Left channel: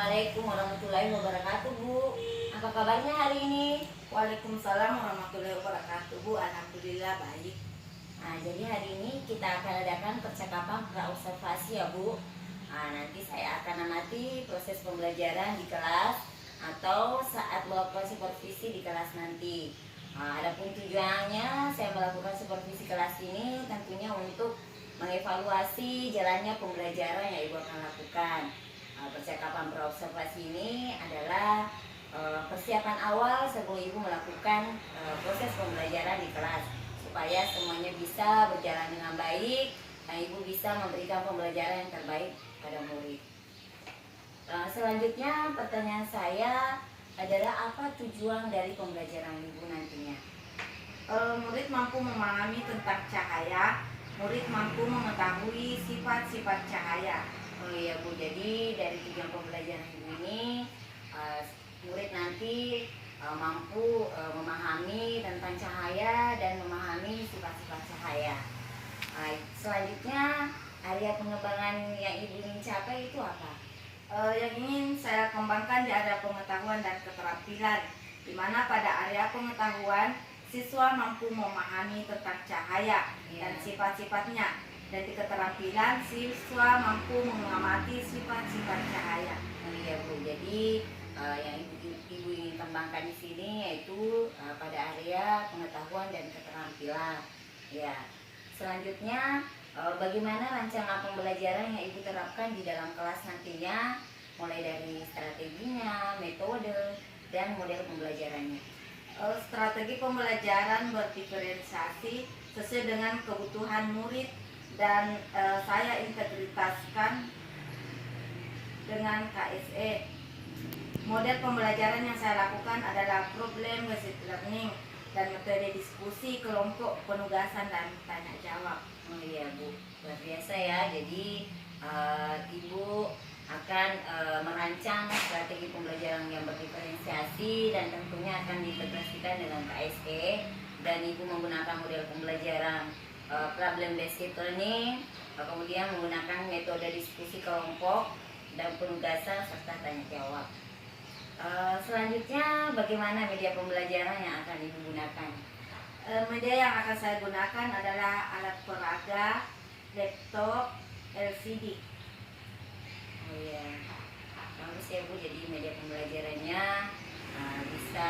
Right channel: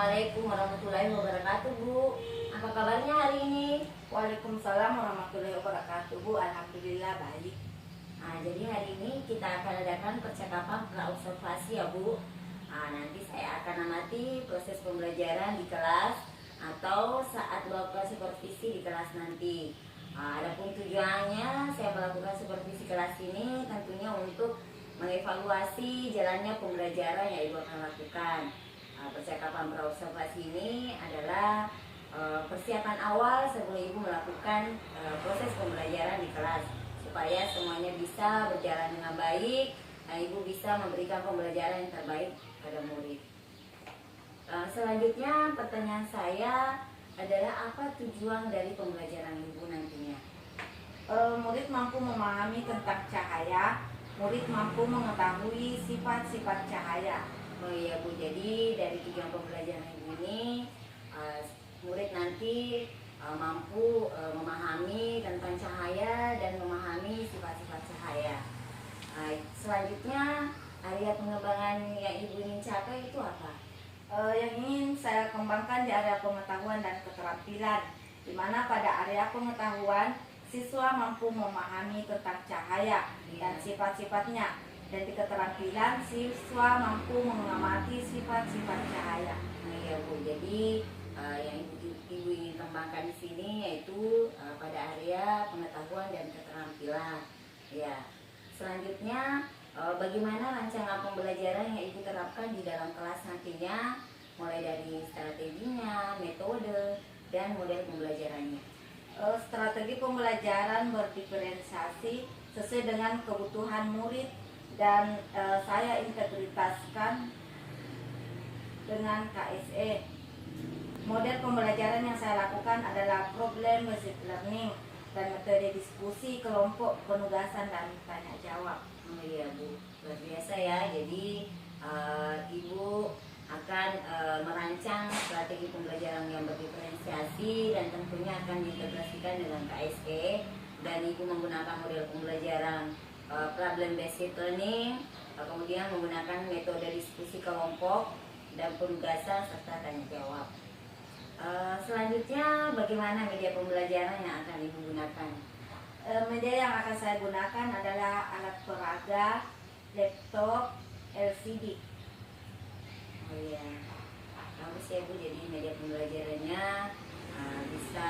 Assalamualaikum warahmatullahi wabarakatuh, Bu. Apa kabarnya hari ini? Waalaikumsalam warahmatullahi wabarakatuh, Bu. Alhamdulillah baik. Nah, jadi hari ini kita akan adakan percakapan pra-observasi ya, Bu. Nah, nanti saya akan amati proses pembelajaran di kelas atau saat melakukan supervisi di kelas nanti. Nah, adapun tujuannya saya melakukan supervisi kelas ini tentunya untuk mengevaluasi jalannya pembelajaran yang Ibu akan lakukan. Percakapan pra-observasi ini adalah persiapan awal sebelum Ibu melakukan proses pembelajaran di kelas supaya semuanya bisa berjalan dengan baik dan Ibu bisa memberikan pembelajaran yang terbaik pada murid. Selanjutnya pertanyaan saya adalah apa tujuan dari pembelajaran Ibu nantinya? Murid mampu memahami tentang cahaya. Murid mampu mengetahui sifat-sifat cahaya. Oh iya, Bu, jadi dari tujuan pembelajaran ini murid nanti mampu memahami tentang cahaya dan memahami sifat-sifat cahaya. Selanjutnya area pengembangan yang Ibu ingin capai itu apa? Yang ingin saya kembangkan di area pengetahuan dan keterampilan, di mana pada area pengetahuan siswa mampu memahami tentang cahaya dan sifat-sifatnya, dan di keterampilan siswa mampu mengamati sifat-sifat cahaya. Iya, Bu, jadi yang Ibu ingin kembangkan di sini yaitu pada area pengetahuan dan keterampilan. Ya. Selanjutnya bagaimana rancangan pembelajaran yang Ibu terapkan di dalam kelas nantinya, mulai dari strateginya, metode, dan model pembelajarannya. Strategi pembelajaran berdiferensiasi sesuai dengan kebutuhan murid dan saya integritaskan dengan KSE. Model pembelajaran yang saya lakukan adalah problem based learning dan metode diskusi kelompok, penugasan, dan tanya jawab. Oh iya, Bu, luar biasa ya. Jadi Ibu akan merancang strategi pembelajaran yang berdiferensiasi dan tentunya akan diintegrasikan dengan KSE, dan Ibu menggunakan model pembelajaran problem based learning, kemudian menggunakan metode diskusi kelompok dan penugasan serta tanya jawab. Selanjutnya bagaimana media pembelajaran yang akan Ibu gunakan? Media yang akan saya gunakan adalah alat peraga, laptop, LCD. Oh iya, bagus ya, Bu. Jadi media pembelajarannya bisa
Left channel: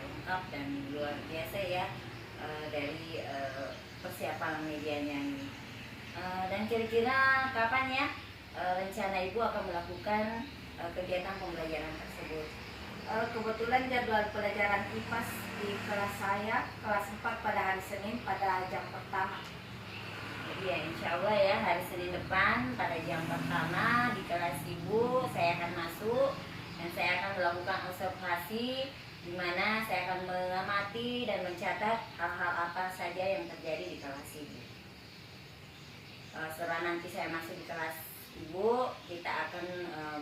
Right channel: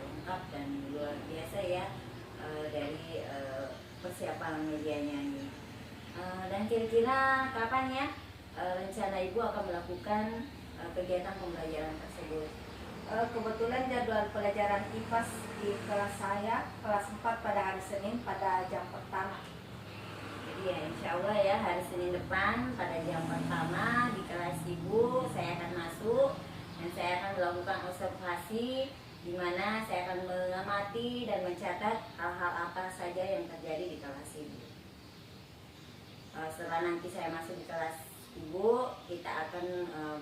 lengkap dan luar biasa ya dari persiapan medianya ini. Dan kira-kira kapan ya rencana Ibu akan melakukan kegiatan pembelajaran tersebut? Kebetulan jadwal pelajaran IPAS di kelas saya, kelas 4 pada hari Senin pada jam pertama. Jadi ya insya Allah ya hari Senin depan pada jam pertama di kelas Ibu saya akan masuk dan saya akan melakukan observasi, di mana saya akan mengamati dan mencatat hal-hal apa saja yang terjadi di kelas Ibu. Setelah nanti saya masuk di kelas Ibu, kita akan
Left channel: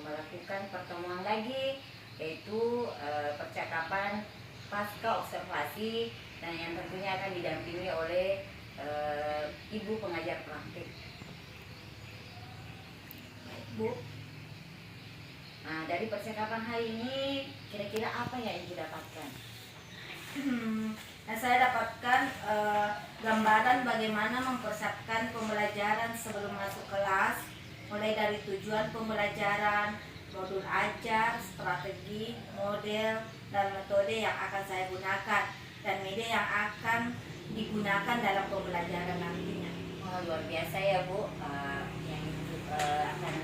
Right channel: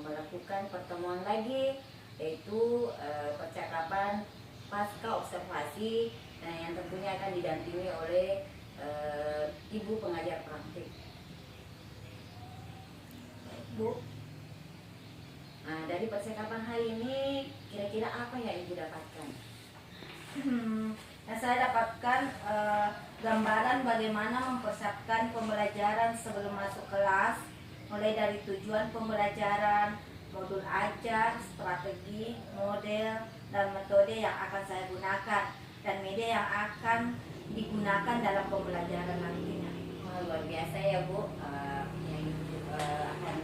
melakukan pertemuan lagi, yaitu percakapan pasca observasi, dan yang tentunya akan didampingi oleh Ibu pengajar praktik. Bu, nah dari percakapan hari ini kira-kira apa yang Ibu dapatkan? Nah, saya dapatkan gambaran bagaimana mempersiapkan pembelajaran sebelum masuk kelas, mulai dari tujuan pembelajaran, modul ajar, strategi, model, dan metode yang akan saya gunakan, dan media yang akan digunakan dalam pembelajaran nantinya. Wah, luar biasa ya, Bu. Yang akan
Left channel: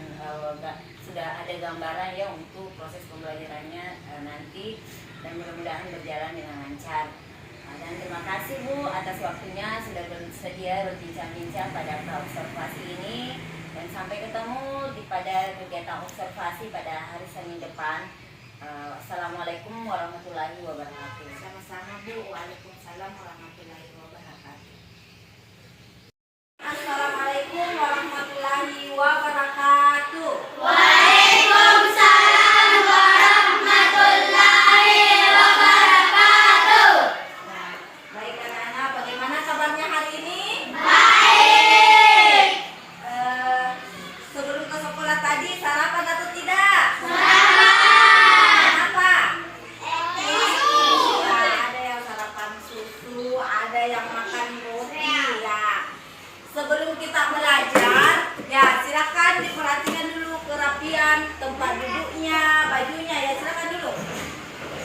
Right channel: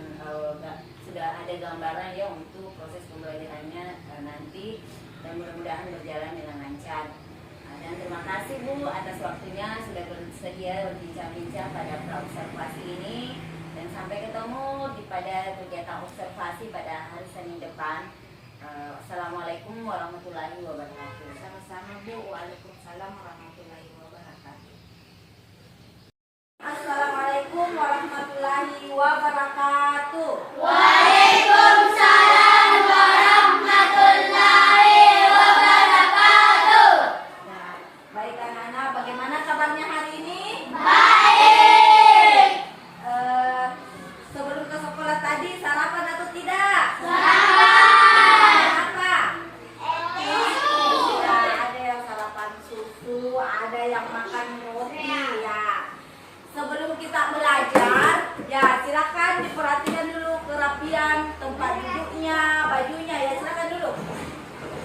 sudah ada gambaran ya untuk proses pembelajarannya nanti, dan mudah-mudahan berjalan dengan lancar. Dan terima kasih, Bu, atas waktunya sudah bersedia berbincang-bincang pada pra-observasi ini, dan sampai ketemu pada kegiatan observasi pada hari Senin depan. Assalamualaikum warahmatullahi wabarakatuh. Sama-sama, Bu. Waalaikumsalam warahmatullahi wabarakatuh. Assalamualaikum warahmatullahi wabarakatuh. Waalaikumsalam warahmatullahi wabarakatuh. Nah, baik anak-anak, bagaimana kabarnya hari ini? Baik. Sebelum ke sekolah tadi sarapan atau tidak? Selamat yang makan roti ya. Sebelum kita belajar, ya silakan diperhatikan dulu kerapian tempat duduknya, bajunya ya, silakan dulu.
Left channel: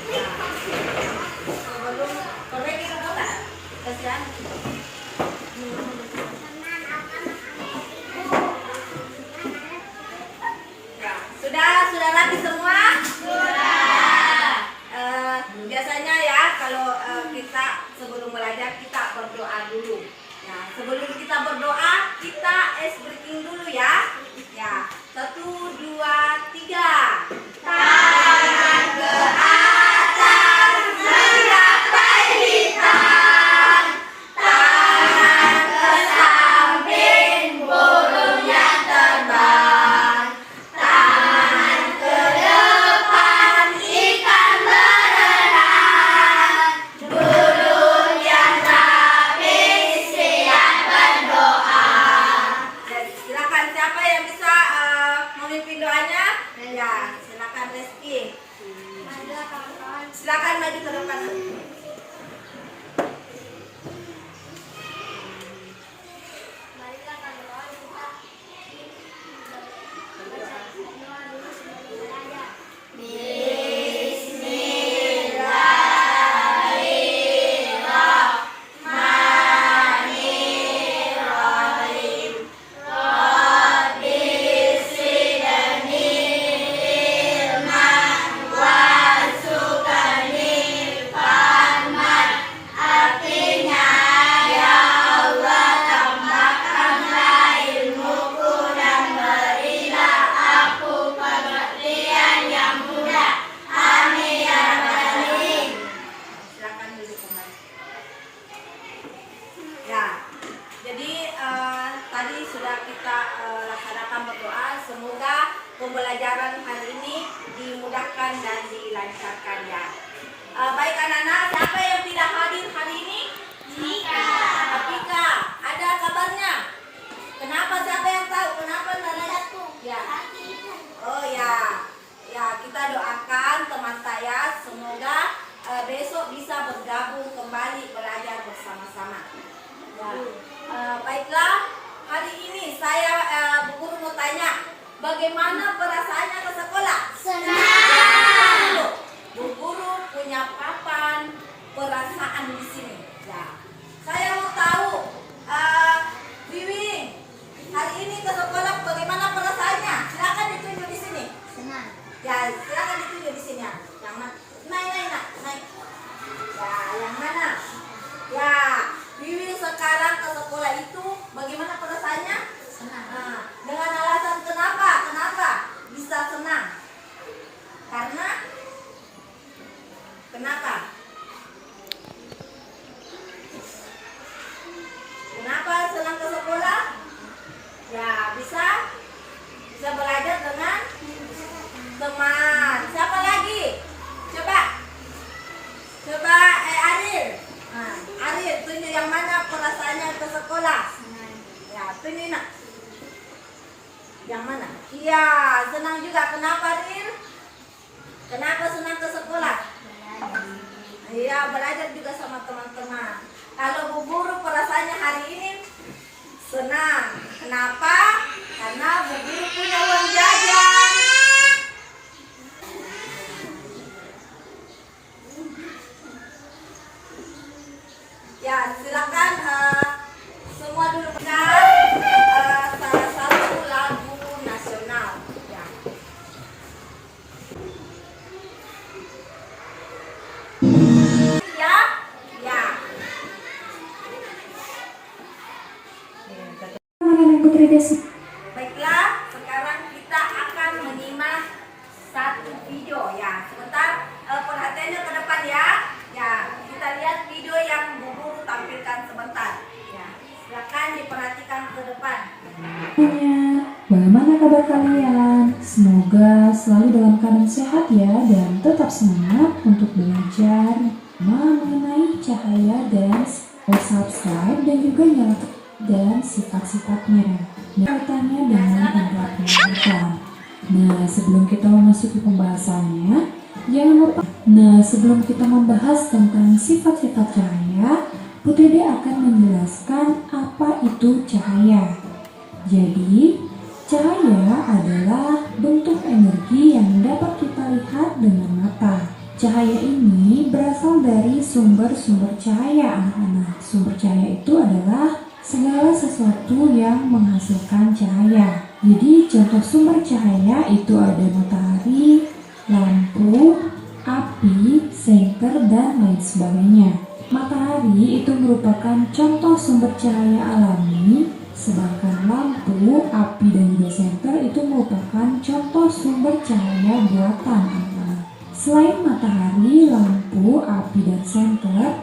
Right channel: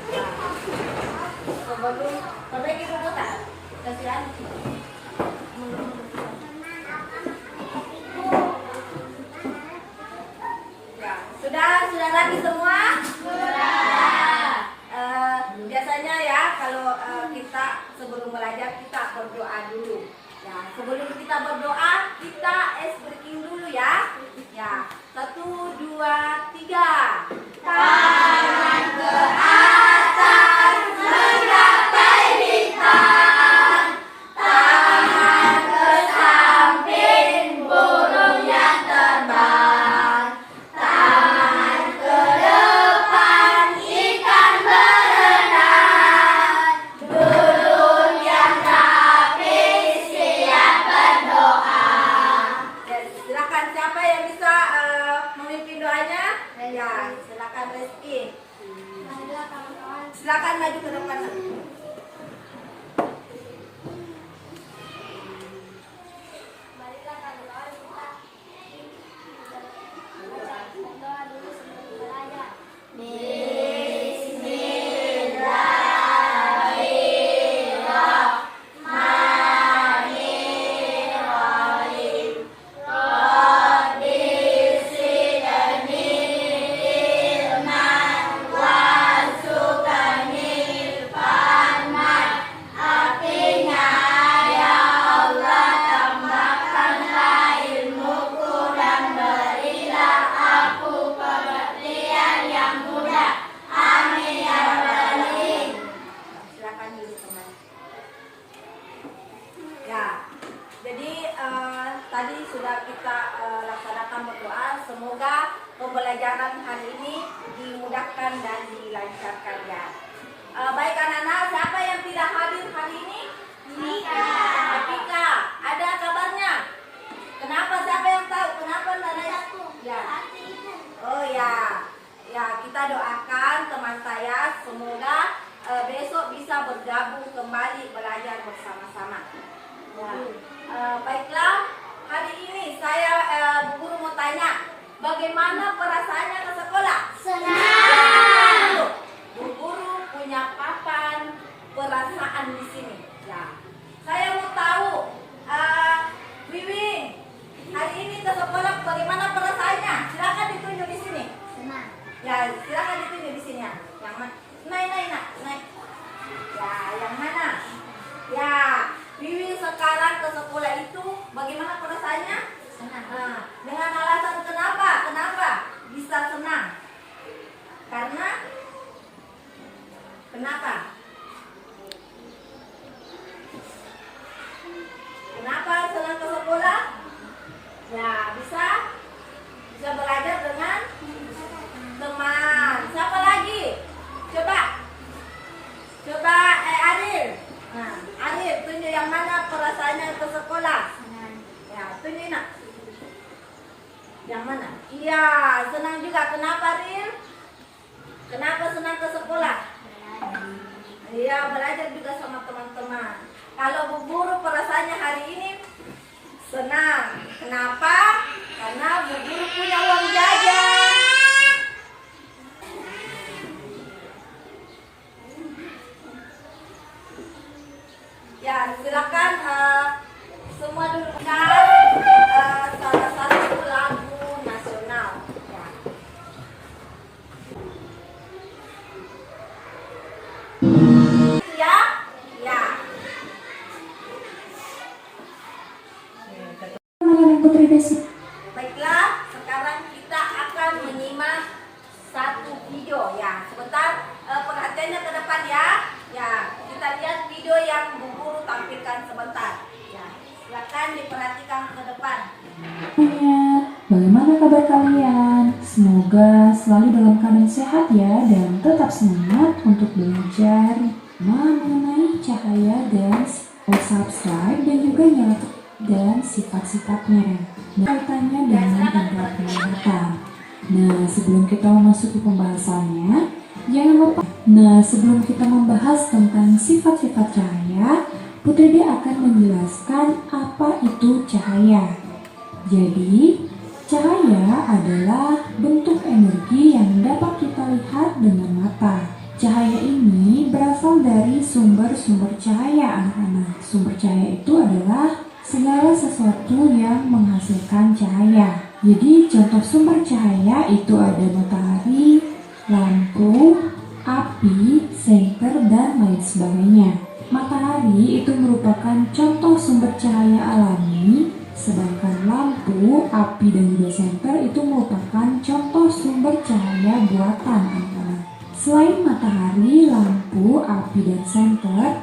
Ya. Sebelum pergi dulu tak? Kasihan. Ya, sudah rapi semua? Biasanya ya kalau kita sebelum belajar kita berdoa dulu. Ya, sebelum kita berdoa kita ice breaking dulu ya. Ya, 1, 2, 3. Tangan ke atas, menggapai lisan. Tangan ke samping, burung yang terbang. Tangan ke depan, ikan berenang. Duduk yang rapi, siap berdoa. Ya, silakan siapa yang bisa memimpin doanya? Ya, silakan Reski. Silakan maju ke depan. Marilah kami doa kita baca doa dulu sebelum belajar. Silakan duduk kembali. Ya, jadi tadi sudah kita laksanakan berdoa. Semoga pembelajaran hari ini dimudahkan dan dilancarkan ya. Baik anak-anak, siapa yang tidak hadir hari ini? Apika, ada kabarnya? Kenapa? Siapa yang tahu? Kenapa Nana? Ya. Oh ya, ya kita doakan teman saya semoga besok bisa bergabung kembali belajar bersama-sama. Ya. Baiklah, hari ini saya Bu Guru mau tanya, bagaimana perasaannya ke sekolah? Senang. Bu Guru punya papan perasaan di sini. Ya. Saya mau tahu, Wiwing, hari ini ke sekolah bagaimana perasaannya? Silakan ditunjuk di sini. Senang. Ya, silakan ditunjuk di sini ya. Yang mana? Naik. Ya, yang mana? Ya, Wiwi sekarang ke sekolah itu bagaimana perasaannya? Senang. Dengan alasan kenapa bisa senang? Karena kenapa? Kenapa senang ke sekolah? Ya, bisa belajar dengan teman. Siapa lagi? Coba Aril. Aril, tunjuk yang mana perasaannya ke sekolah. Senang. Ya, tunjuk nak. Yang mana? Iya, senang juga. Kenapa Aril? Kenapa senang ke sekolah? Iya, belajar juga sama teman-teman. Kalau Bu Guru perasaannya hari ini senang. Kenapa? Karena Bu Guru punya uang jajan. Ya, silakan semua dulu salah satu lagu nasional. Ya. Ya. Baiklah, sekarang kita akan menyimak satu video ya. Sebentar, perhatiannya ke depan ya. Ya, kita lihat video yang Bu Guru tampilkan sebentar. Ya, silakan diperhatikan ke depan. Bagaimana kabar kalian? Semoga selalu dalam keadaan sehat ya dan tetap semangat untuk belajar mengenai cahaya dan subscribe dan juga nyalakan dan sifat-sifatnya. Kaitannya dengan indera penglihatan. Nah, sebelum kita memasuki pembahasannya, jangan lupa. Nah, sebelum kita membahas tentang sifat-sifat cahaya, Putri D akan menjelaskan apa itu cahaya. Jadi, cahaya adalah bentuk energi yang dapat kita lihat dengan mata. Cahaya ini berasal dari sumber-sumber cahaya, anak-anak. Sumber cahaya itu adalah segala sesuatu yang menghasilkan cahaya. Jadi, contoh sumber cahaya itu ada matahari, lampu, api, senter, dan lain sebagainya. Matahari itu merupakan contoh sumber cahaya alami, sedangkan lampu, api, dan juga senter itu merupakan contoh sumber cahaya buatan, anak-anak. Selain matahari, lampu, api, dan senter,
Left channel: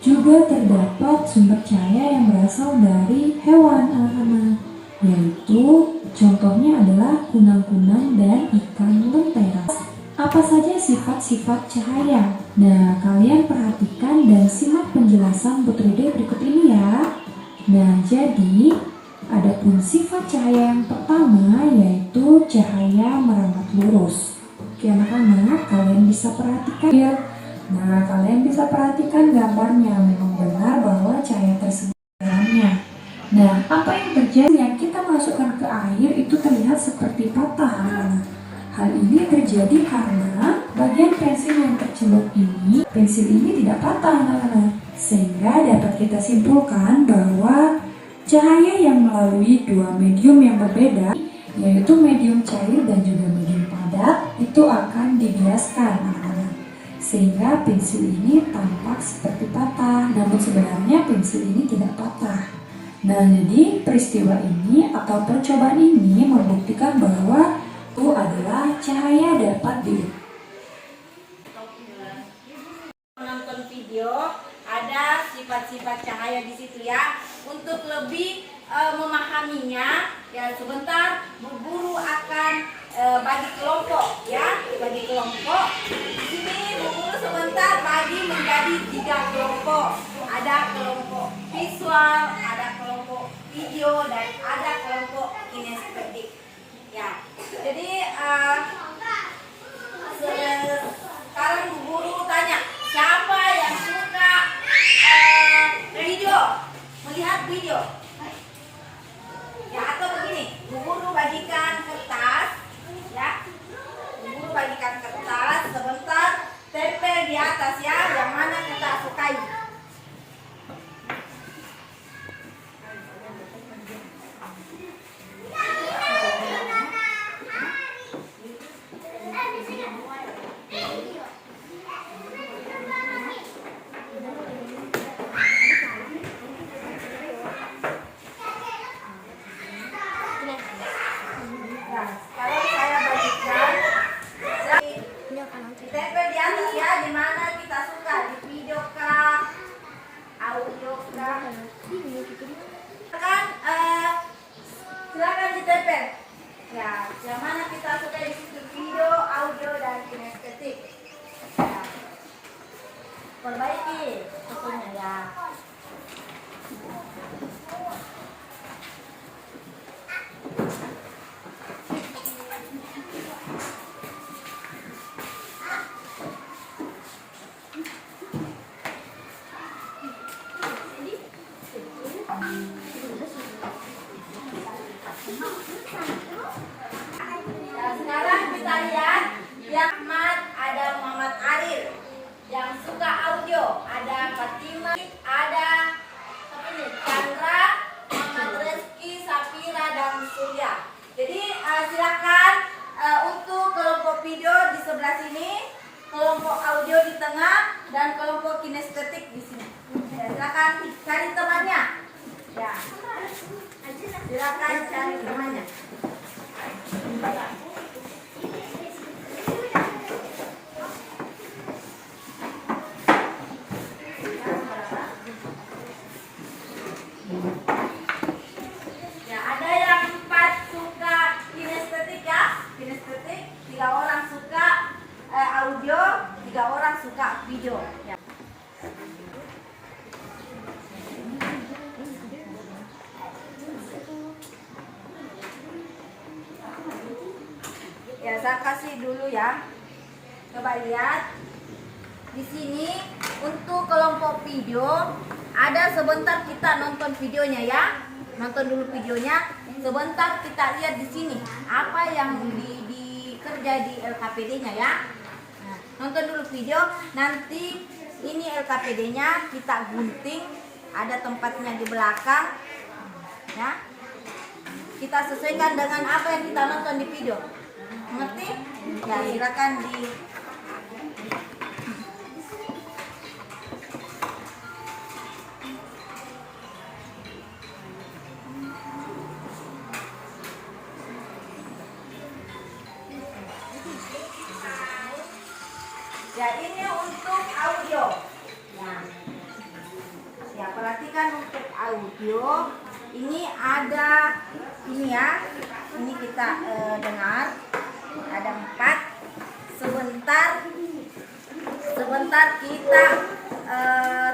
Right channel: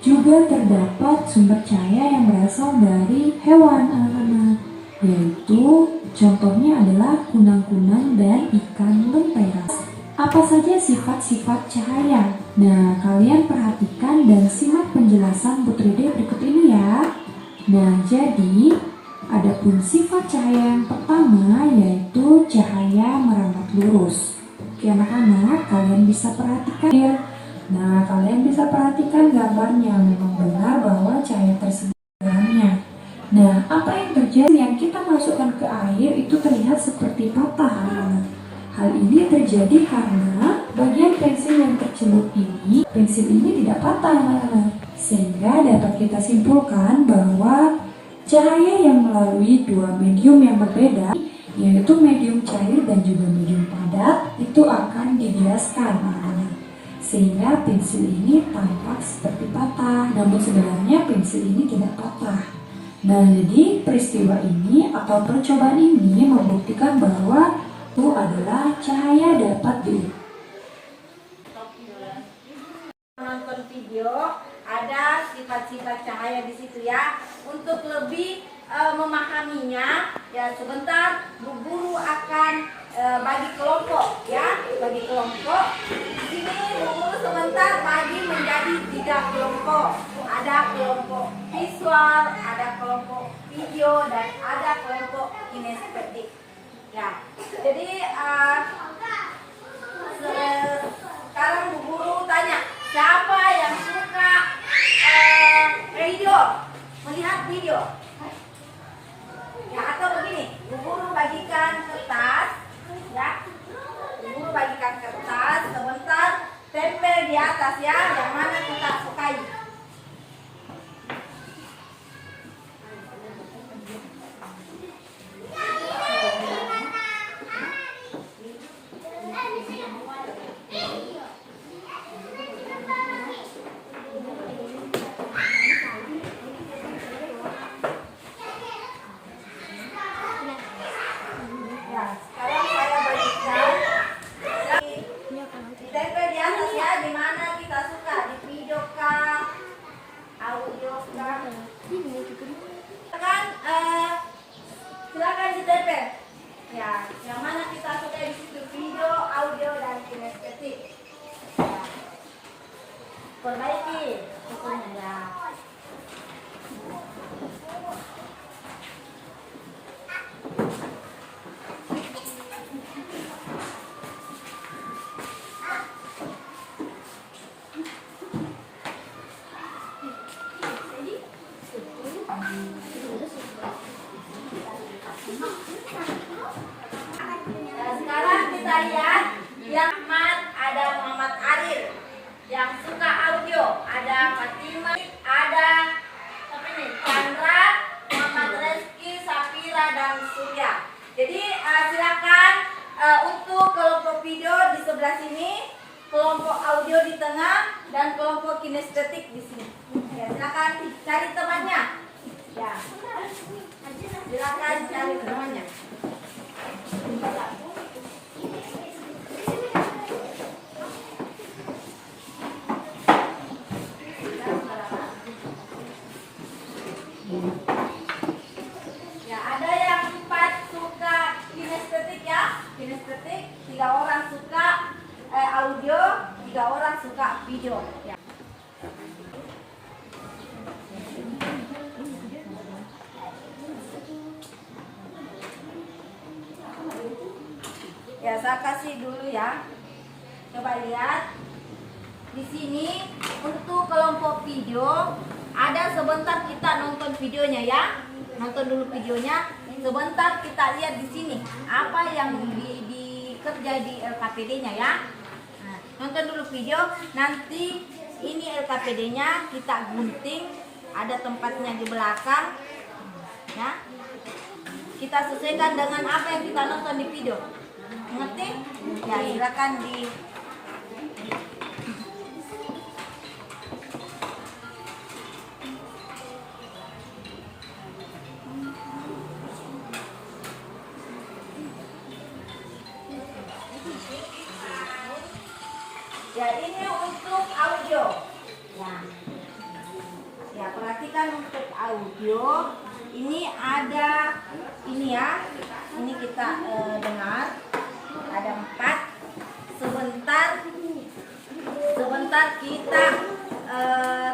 juga terdapat sumber cahaya yang berasal dari hewan, anak-anak, yaitu contohnya adalah kunang-kunang dan ikan lentera. Apa saja sifat-sifat cahaya? Nah, kalian perhatikan dan simak penjelasan Putri D berikut ini ya. Nah, jadi adapun sifat cahaya yang pertama yaitu cahaya merambat lurus. Oke anak-anak, kalian bisa perhatikan ya. Nah, kalian bisa perhatikan gambarnya. Memang benar bahwa cahaya tersebut dalamnya. Nah, apa yang terjadi yang kita masukkan ke air itu terlihat seperti patah, anak-anak. Hal ini terjadi karena bagian pensil yang tercelup ini, pensil ini tidak patah, anak-anak. Sehingga dapat kita simpulkan bahwa cahaya yang melalui dua medium yang berbeda, yaitu medium cair dan juga medium padat, itu akan dibiaskan, anak-anak. Sehingga pensil ini tampak seperti patah, namun sebenarnya pensil ini tidak patah. Nah, jadi peristiwa ini atau percobaan ini membuktikan bahwa itu adalah cahaya dapat Menonton video ada sifat-sifat cahaya di situ ya. Untuk lebih memahaminya, ya sebentar Bu Guru akan bagi kelompok ya, bagi kelompok. Di sini Bu Guru sebentar bagi menjadi 3 kelompok. Ada kelompok visual, ada kelompok video, dan ada kelompok kinestetik. Ya, jadi sekarang Bu Guru tanya, siapa yang suka video, melihat video? Ya, atau begini, Bu Guru bagikan kertas, ya, Bu Guru bagikan kertas, sebentar tempel di atas ya, yang mana kita sukai. Sekarang saya bagikan ditempel di atas ya, di mana kita suka, di video kah, audio kah. Silakan ditempel. Ya, yang mana kita suka di situ, video, audio, dan kinestetik. Ya. Perbaiki fotonya ya. Nah, sekarang kita lihat yang ada Muhammad Aril yang suka audio, ada Fatima, ada Chandra, Muhammad Reski, Safira, dan Surya. Jadi silakan untuk kelompok video di sebelah sini, kelompok audio di tengah, dan kelompok kinestetik di sini. Ya, silakan cari temannya. Ya, silakan cari temannya. Ya, ada yang 4 suka kinestetik ya, kinestetik, 3 orang suka audio, 3 orang suka video. Ya. Ya, saya kasih dulu ya. Coba lihat. Di sini untuk kelompok video ada sebentar kita nonton videonya ya. Nonton dulu videonya. Sebentar kita lihat di sini apa yang dikerja di LKPD-nya ya. Nah, nonton dulu video. Nanti ini LKPD-nya kita gunting. Ada tempatnya di belakang. Ya. Kita sesuaikan dengan apa yang kita nonton di video. Mengerti? Ya, silakan di ya, ini untuk audio. Ya, perhatikan untuk audio. Ini ada ini ya. Ini kita dengar. Ada 4. Sebentar kita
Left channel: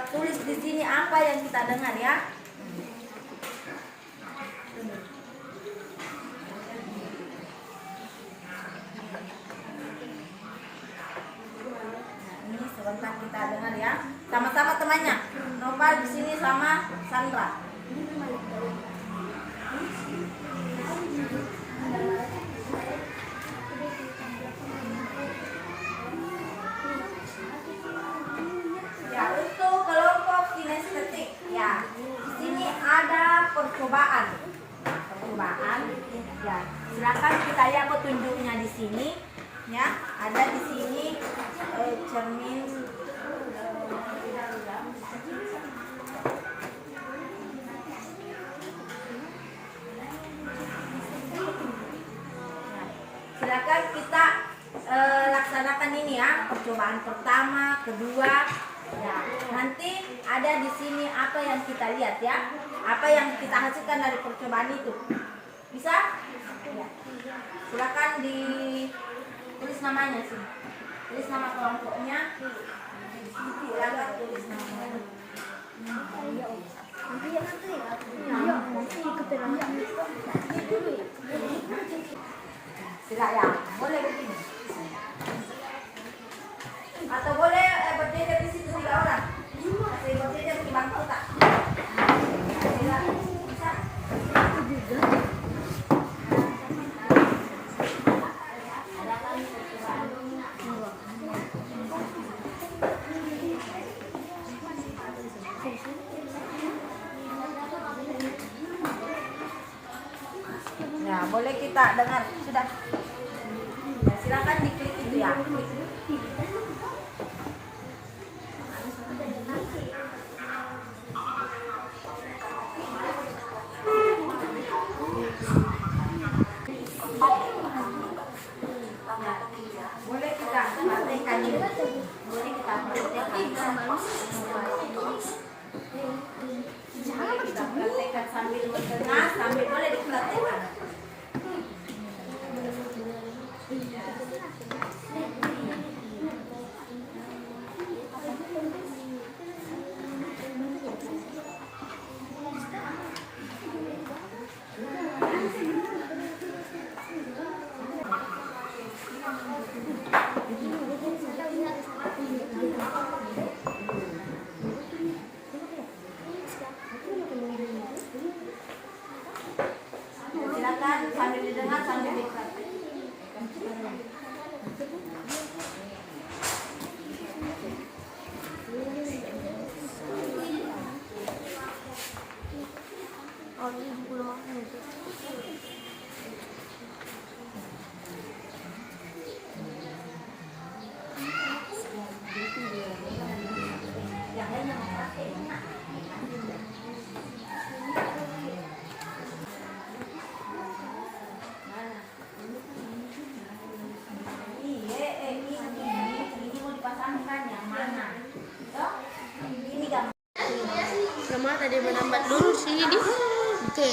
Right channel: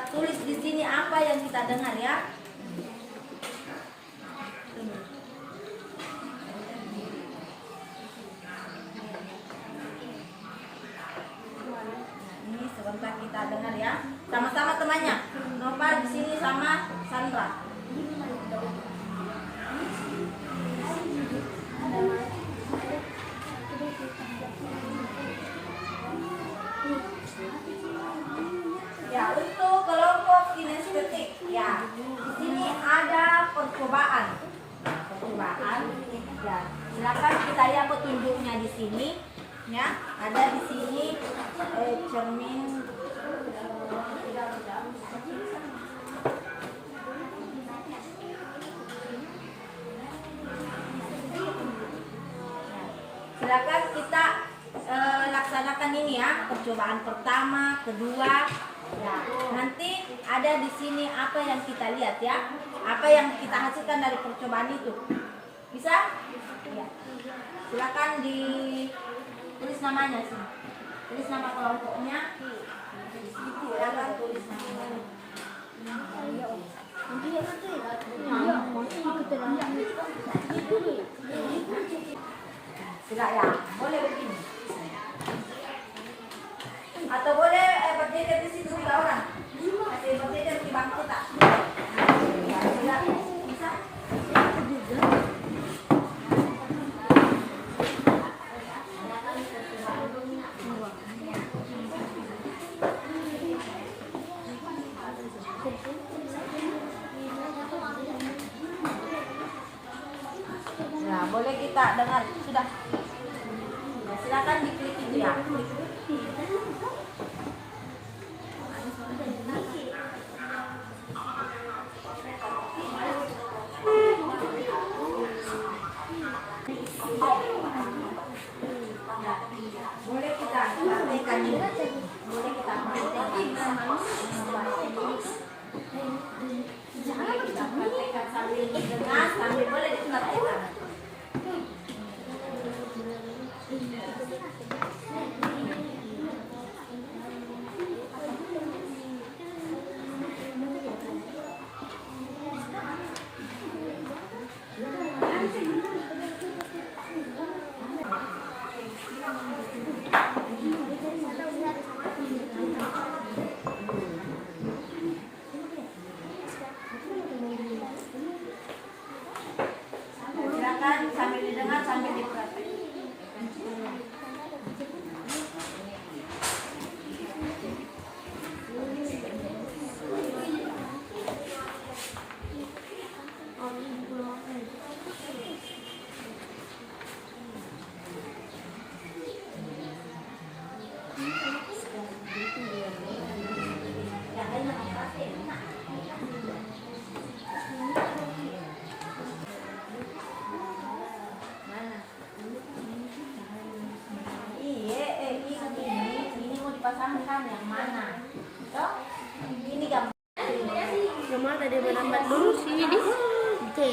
tulis di sini apa yang kita dengar ya. Sebentar kita dengar ya. Sama-sama temannya. Nopal di sini sama Sandra. Ya, untuk kelompok kinestetik ya. Di sini ada percobaan. Percobaan. Ya, silakan kita lihat petunjuknya di sini. Ya, ada di sini cermin silakan kita laksanakan ini ya, percobaan pertama, kedua. Ya, nanti ada di sini apa yang kita lihat ya, apa yang kita hasilkan dari percobaan itu. Bisa? Ya. Silakan tulis namanya sih. Tulis nama kelompoknya. Silakan tulis namanya. Silakan ya, boleh begini. Atau boleh berdiri di situ 3 orang. Masih berdiri di bangku tak? Ya, silakan. Bisa? Nah, boleh kita dengar sudah. Ya, silakan diklik itu ya. Boleh kita praktekkan ini. Boleh kita praktekkan. Jangan kita praktekkan sambil mendengar, sambil boleh dipraktekkan. Silakan sambil didengar sambil dipraktekkan. Ini mau dipasangkan yang mana? Toh? Ini gambar. Gambar tadi menambah dulu sini di. Oke.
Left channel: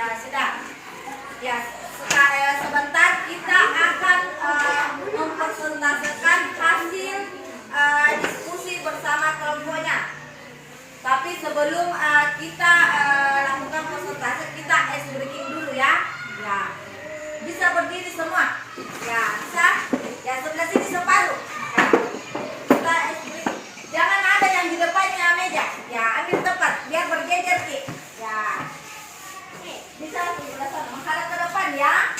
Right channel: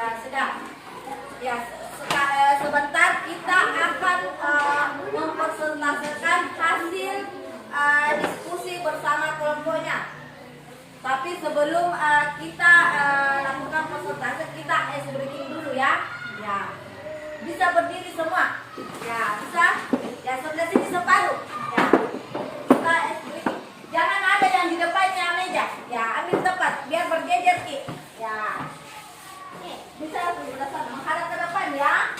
Ya, sudah. Ya, sebentar kita akan mempresentasikan hasil diskusi bersama kelompoknya. Tapi sebelum kita lakukan presentasi, kita ice breaking dulu ya. Ya, bisa berdiri semua. Ya, bisa. Ya, sebelah sini separuh. Ya, kita ice breaking. Jangan ada yang di depannya meja. Ya, ambil tempat biar berjejer Ki. Ya. Bisa sebelah sana. Menghadap ke depan ya.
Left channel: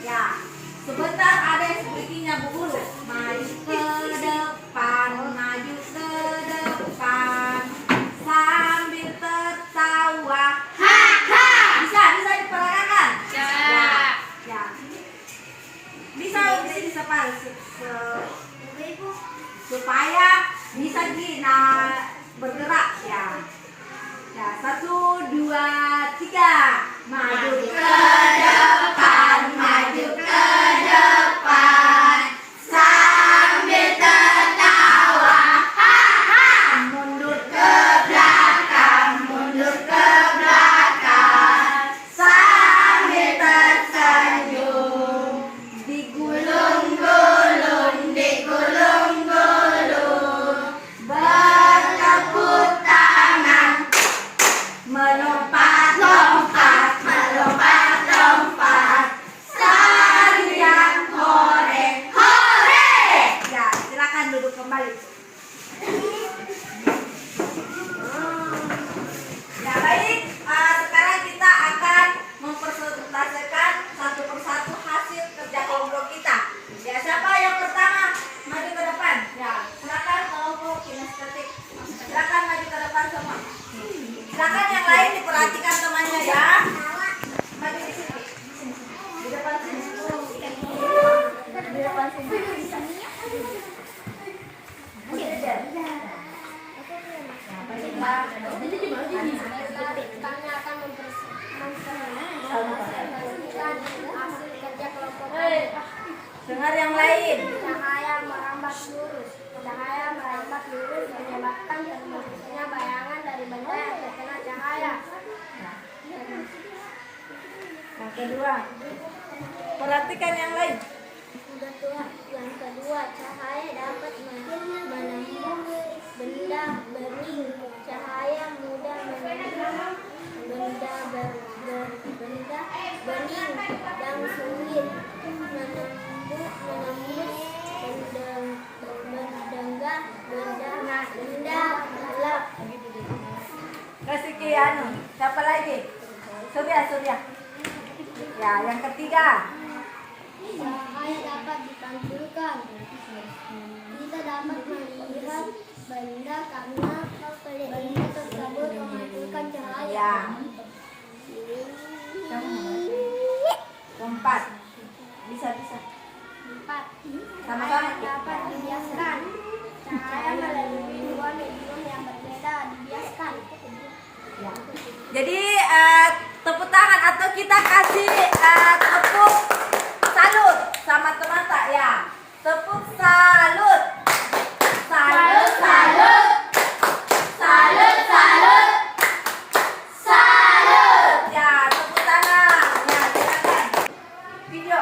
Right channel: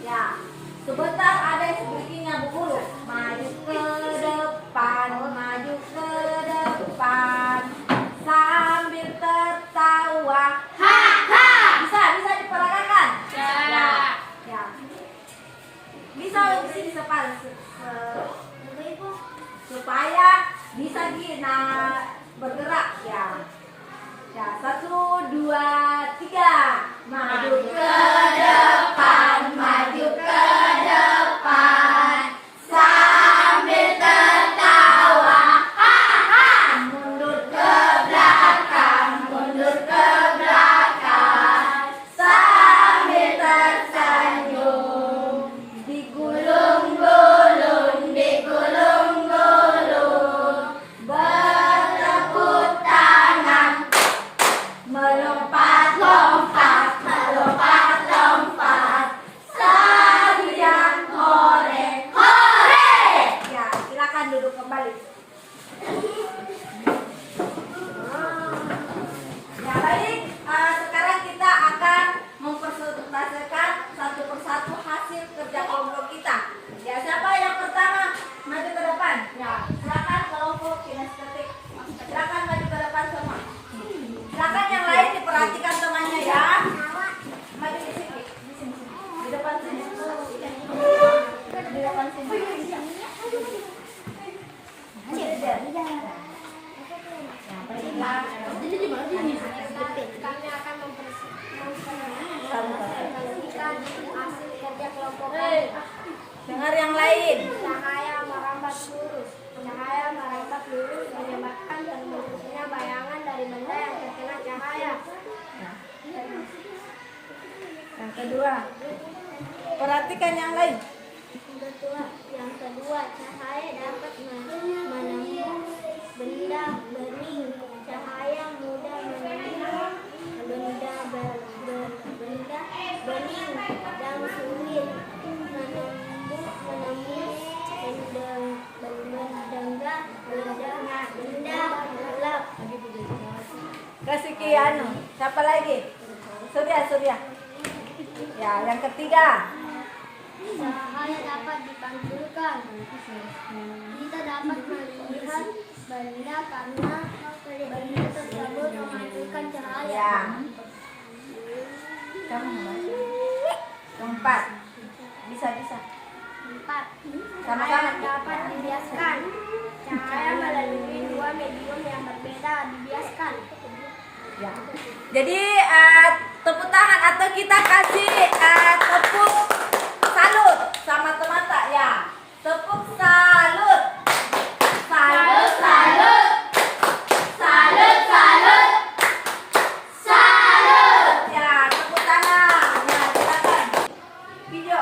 Ya. Sebentar ada ice breakingnya Bu Guru. Maju ke depan, maju ke depan. Sambil tertawa. Ha ha. Bisa diperagakan? Ya. Ya. Bisa di sini separuh supaya bisa bergerak ya. Ya, 1, 2, 3. Maju ke depan, maju ke depan. Sambil tertawa. Ha ha. Mundur ke belakang, mundur ke belakang. Sambil tersenyum. Digulung-gulung, digulung-gulung. Bertepuk tangan. Melompat-lompat, melompat-lompat. Tarian hore, hore. Ya, silakan duduk kembali. Ya, baik. Sekarang kita akan mempresentasikan satu persatu hasil kerja kelompok kita. Ya, siapa yang pertama maju ke depan? Ya, silakan kelompok kinestetik. Silakan maju ke depan semua. Silakan yang lain diperhatikan temannya ya. Maju di sini. Di depan sini. Di depan sini. Ya, baiklah. Kami akan mempresentasikan hasil kerja kelompok kami. Dengar yang lain. Cahaya merambat lurus. Cahaya merambat lurus menyebabkan terbentuknya bayangan dari benda yang terkena cahaya. Yang kedua. Perhatikan yang lain. Yang kedua, cahaya dapat menembus benda bening. Cahaya mudah menembus benda bening dan sulit menembus benda gelap. Kasih Ki anu. Siapa lagi? Surya. Ya, yang ketiga. Cahaya dapat dipantulkan. Kita dapat melihat benda karena benda tersebut memantulkan cahaya. Ya. Empat. Bisa. 4. Cahaya dapat dibiaskan. Cahaya melalui dua medium yang berbeda dibiaskan. Ya. Jadi tepuk tangan atau kita kasih tepuk salut sama teman tak ya. Tepuk salut. Salut. Ya, tepuk tangan. Ya, silakan. Video.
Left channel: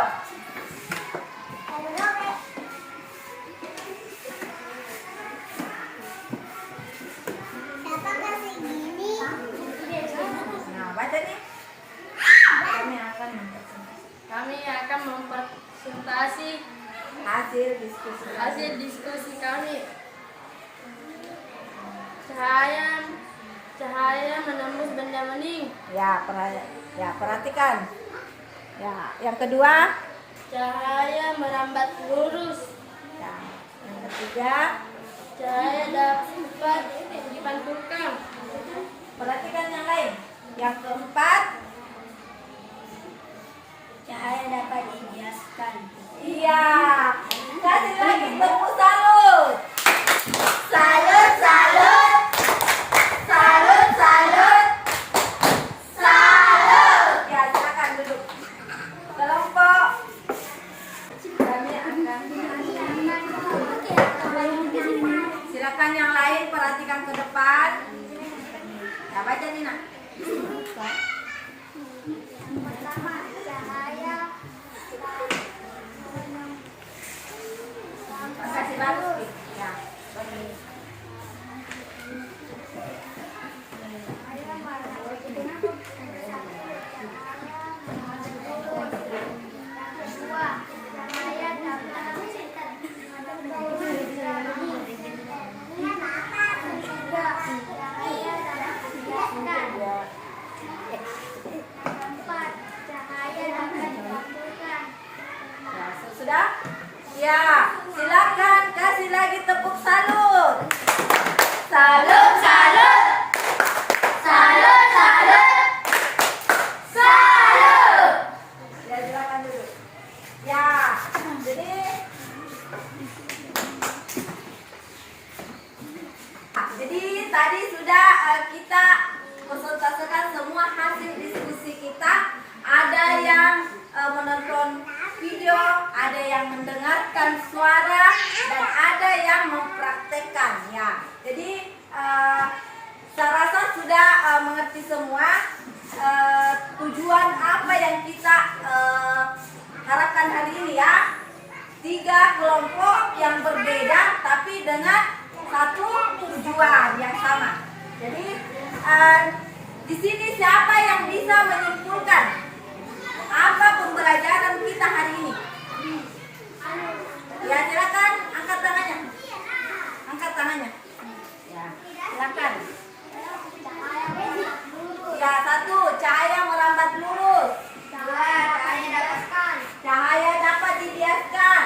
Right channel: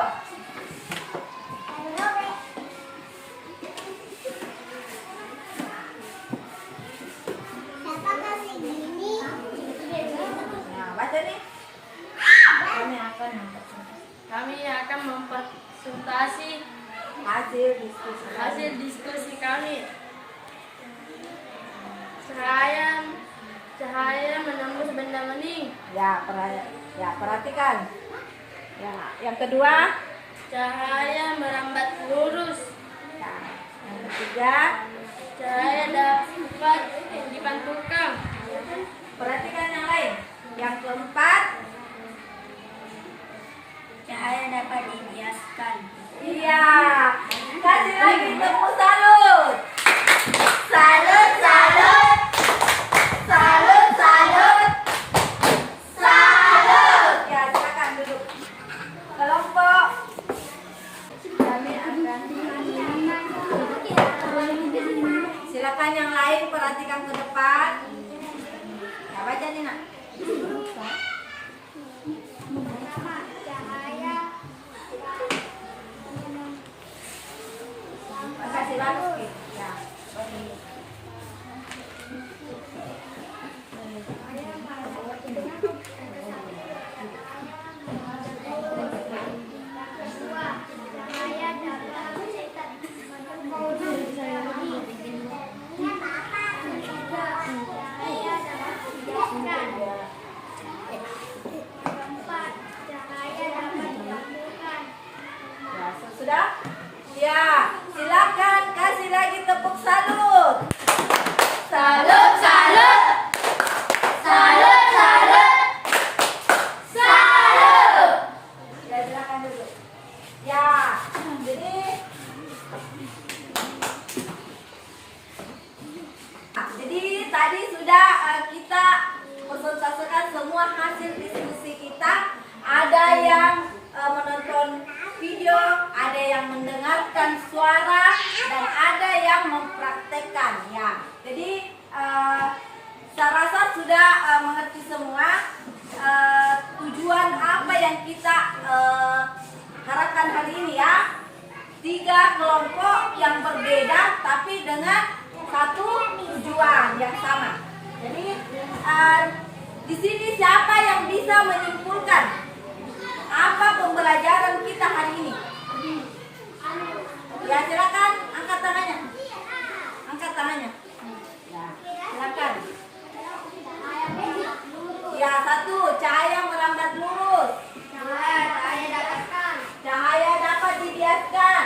Ya, baca nih. Kami akan mempresentasi hasil diskusi kami. Cahaya menembus benda bening. Ya, perhatikan. Ya, yang kedua. Cahaya merambat lurus. Ya, yang ketiga. Cahaya dapat dipantulkan. Perhatikan yang lain. Yang keempat. Cahaya dapat dibiaskan. Iya. Kasih lagi tepuk salut. Salut. Ya, silakan duduk. Kelompok. Kami akan. Silakan yang lain perhatikan ke depan. ini nak? Pertama, cahaya Kasih lalu. Ya. kedua, cahaya dapat ketiga, cahaya dapat dijelaskan. Keempat, cahaya dapat dipantulkan. Ya, sudah? Ya, silakan kasih lagi tepuk salut. Salut, salut. Salut, salut. Salut. Ya, silakan dulu. Ya, jadi tadi sudah kita presentasikan semua hasil diskusi kita. Ada yang menonton video, ada yang mendengarkan suara, dan ada yang mempraktekkan. Ya, jadi saya rasa sudah mengerti semua tujuan apa yang kita harapkan hari ini ya. 3 kelompok yang berbeda tapi dengan satu tujuan yang sama. Jadi di sini siapa yang bisa menyimpulkan apa pembelajaran kita hari ini? Ya, silakan angkat tangannya. Angkat tangannya. Ya, silakan. Ya, 1, cahaya merambat lurus. Cahaya dapat dibiaskan.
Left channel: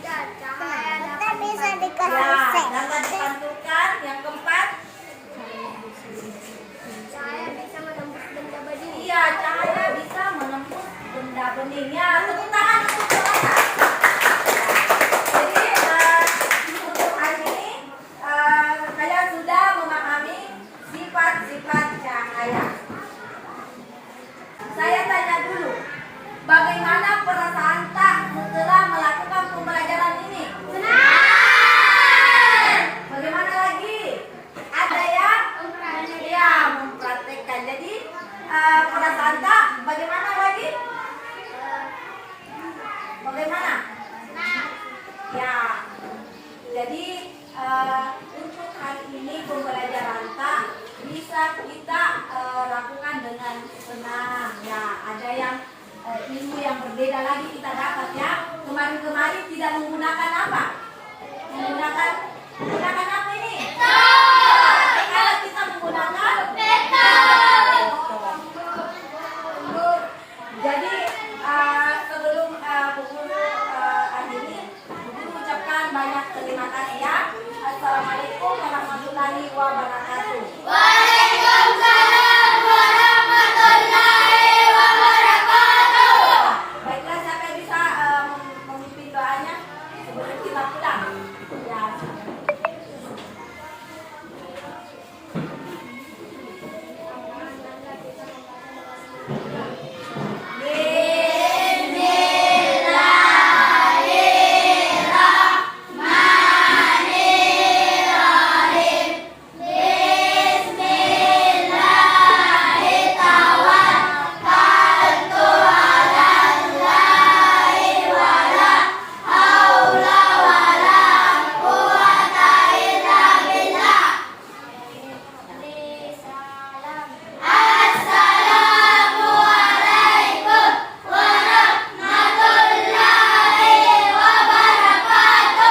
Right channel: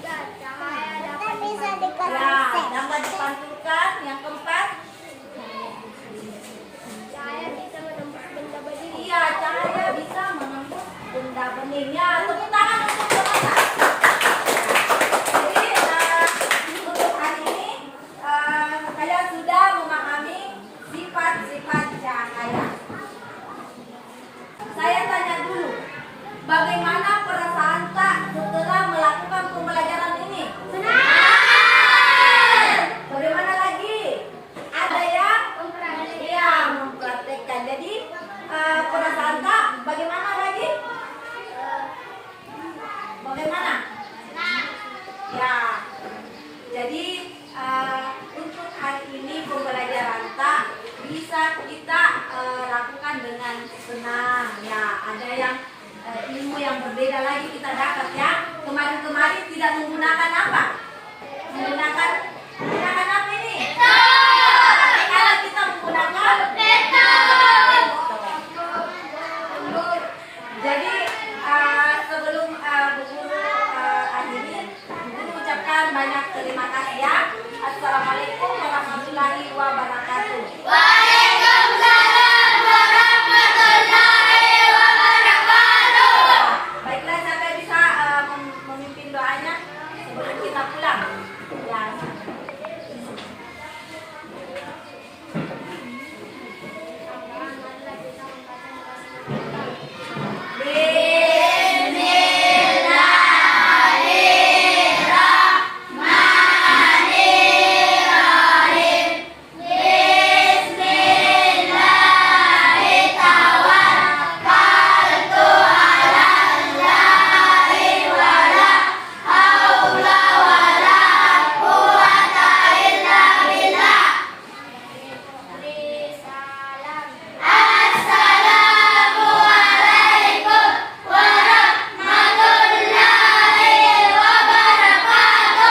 3, cahaya dapat bisa Ya, dapat dipantulkan. Yang keempat, Cahaya bisa menembus benda bening. iya, cahaya bisa menembus benda bening. Ya, tepuk tangan untuk semuanya. Jadi untuk hari ini kalian sudah memahami sifat-sifat cahaya. Saya tanya dulu, bagaimana perasaan tak setelah melakukan pembelajaran ini? Senang. Bagaimana lagi? Ada yang mempraktekkan. Jadi perasaan tak bagaimana lagi? Bagaimana? Ya. Jadi untuk hari ini pembelajaran tak bisa kita lakukan dengan senang. Ya, ada yang ilmu yang berbeda lagi kita dapat ya. Kemarin-kemarin tidak menggunakan apa? Menggunakan apa ini? Kalau kita menggunakan jadi sebelum guru akhiri, guru ucapkan banyak terima kasih ya. Assalamualaikum warahmatullahi wabarakatuh. Waalaikumsalam warahmatullahi wabarakatuh. Baiklah, siapa bisa memimpin doanya sebelum kita pulang? Ya.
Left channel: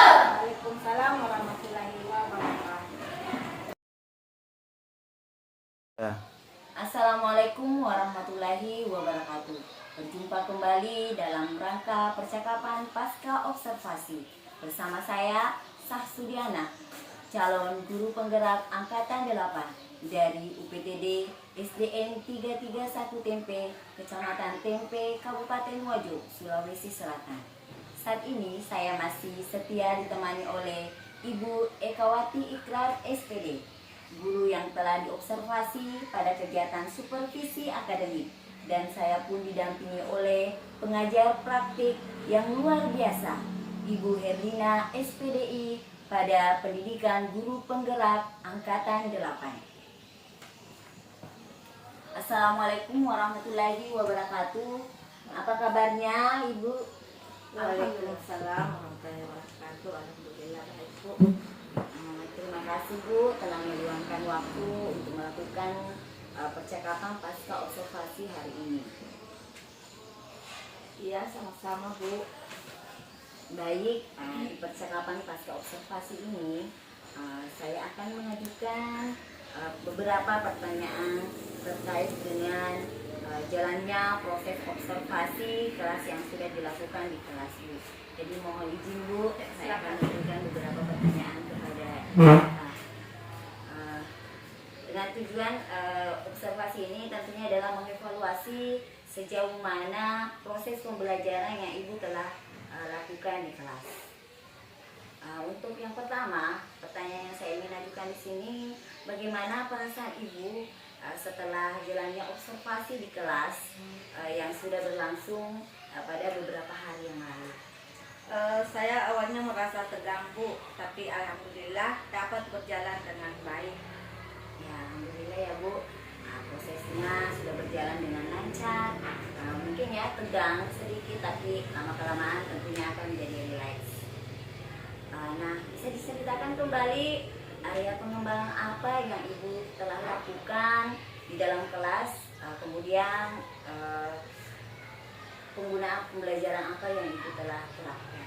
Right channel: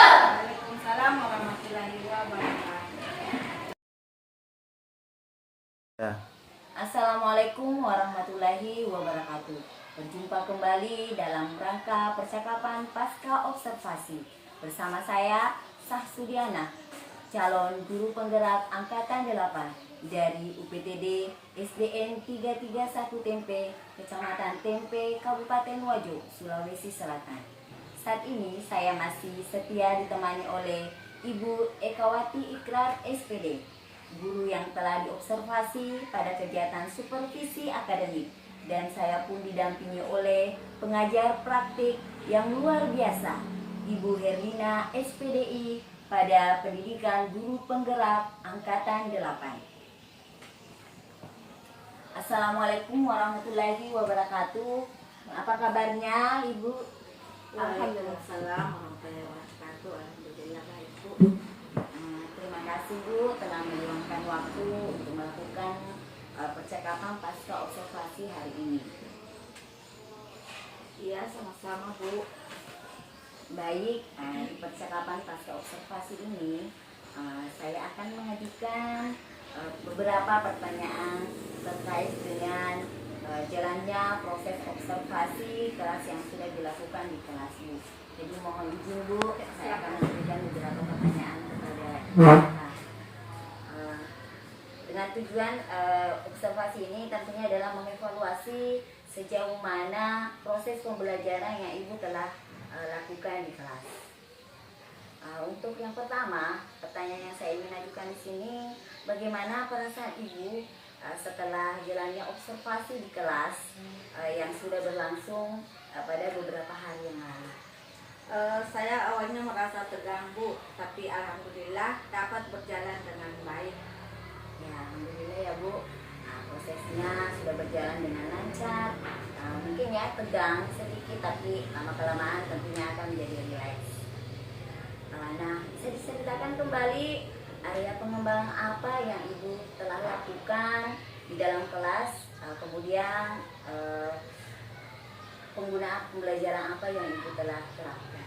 Waalaikumsalam warahmatullahi wabarakatuh. Assalamualaikum warahmatullahi wabarakatuh. Berjumpa kembali dalam rangka percakapan pasca observasi bersama saya Sahsudiana, calon guru penggerak angkatan 8 dari UPTD SDN 331 Tempe, Kecamatan Tempe, Kabupaten Wajo, Sulawesi Selatan. Saat ini saya masih setia ditemani oleh Ibu Ekawati Ikrar SPD, guru yang telah diobservasi pada kegiatan supervisi akademik, dan saya pun didampingi oleh pengajar praktik yang luar biasa, Ibu Herlina SPDI pada pendidikan guru penggerak angkatan 8. Assalamualaikum warahmatullahi wabarakatuh. Apa kabarnya Ibu? Waalaikumsalam warahmatullahi wabarakatuh. Alhamdulillah baik Bu. Terima kasih Bu telah meluangkan waktu untuk melakukan percakapan pasca observasi hari ini. Iya, sama-sama Bu. Baik, di percakapan pasca observasi ini saya akan mengajukan beberapa pertanyaan terkait dengan jalannya proses observasi kelas yang sudah dilakukan di kelas Bu. Jadi mohon izin Bu, saya akan memberikan beberapa pertanyaan kepada Bapak. Dengan tujuan observasi ini tentunya adalah mengevaluasi sejauh mana proses pembelajaran yang Ibu telah lakukan di kelas. Untuk yang pertama, pertanyaan yang saya ingin ajukan di sini, bagaimana perasaan Ibu setelah jalannya observasi di kelas yang sudah berlangsung pada beberapa hari yang lalu? Saya awalnya merasa tegang Bu, tapi alhamdulillah dapat berjalan dengan baik. Ya, alhamdulillah ya Bu, prosesnya sudah berjalan dengan lancar. Mungkin ya tegang sedikit, tapi lama-kelamaan tentunya akan menjadi rileks. Nah, bisa diceritakan kembali area pengembangan apa yang Ibu telah lakukan di dalam kelas, kemudian penggunaan pembelajaran apa yang Ibu telah terapkan?